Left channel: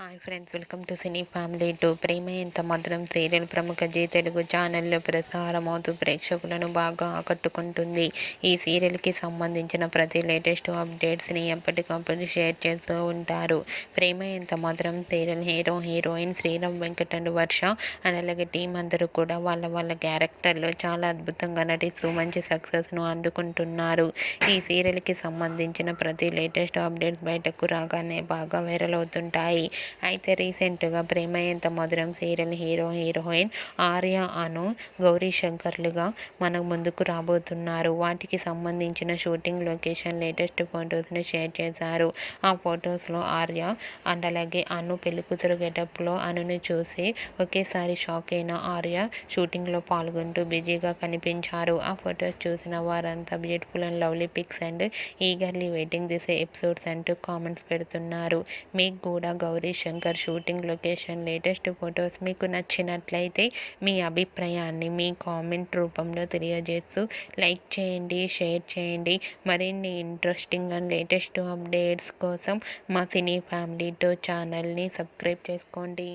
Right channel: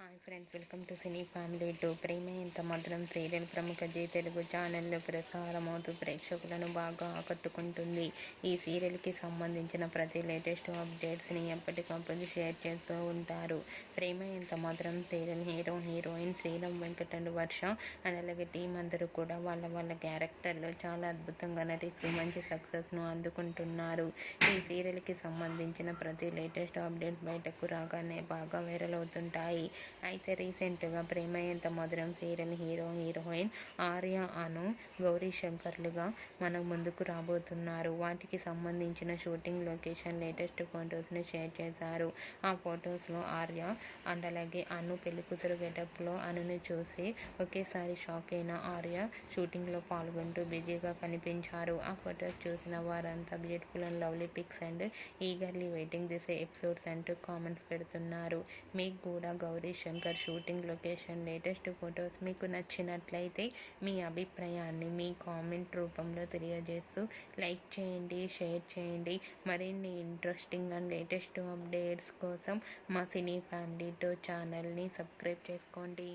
Hi friends, welcome to cine family two. Prema Entha Madhuram serial ప్రముఖ G Telugu ఛానల్లో ప్రసారమవుతూ ప్రేక్షకులను బాగా ఆకట్టుకుంటుంది. ఈ సీరియల్కి సంబంధించిన ప్రతి లేటెస్ట్ అప్డేట్స్ని ఎప్పటికప్పుడు షేర్ చేస్తూ ఉంటారు. Prema Entha Madhuram serial hero heroine Sriram Venkat and Varsha and అలాగే టీం అందరూ కూడా వాళ్ళ క్యారెక్టర్లో చాలా అద్భుతంగా నటిస్తూ మంచి సక్సెస్ను అందుకుంటున్నారు. ఈ సీరియల్కి సంబంధించిన ప్రతి లేటెస్ట్ అప్డేట్స్ బయటకు రాగానే బాగా వైరల్ అవుతుంటాయి. అయితే రీసెంట్గా ప్రేమ Entha Madhuram serial hero heroine Arya అను గౌరీ శంకర్లుగా మన ముందుకు రాబోతున్నారు. వాటికి సంబంధించిన షూటింగ్ లొకేషన్ లేటెస్ట్ ఫొటోస్ని షేర్ చేశారు. ఆ ఫొటోస్లో ఆర్య అండ్ అలాగే అను పెళ్లికూతురు గెటప్లో అనుని చూసి ఒకేసారి షాక్ అయిన ఆర్య షూటింగ్లో పాల్గొంటూ బిజీగా కనిపించారు. ఆ ఫొటోస్ చూసిన వారంతా beautiful and lovely pics and eagerly waiting this episodes అంటూ కామెంట్స్ పెడుతున్నారు. మీకు కూడా Gauri Shankar shooting location latest photos మీకు నచ్చినట్లయితే మీ అభిప్రాయాన్ని మీ కామెంట్ రూపంలో తెలియజేస్తూ లైక్ చేయండి, షేర్ చేయండి. మరిన్ని ఇంట్రెస్టింగ్ అండ్ లేటెస్ట్ అప్డేట్స్ కోసం మా సినీ ఫ్యామిలీ టూ ఛానల్ని సబ్స్క్రైబ్ చేసుకోండి.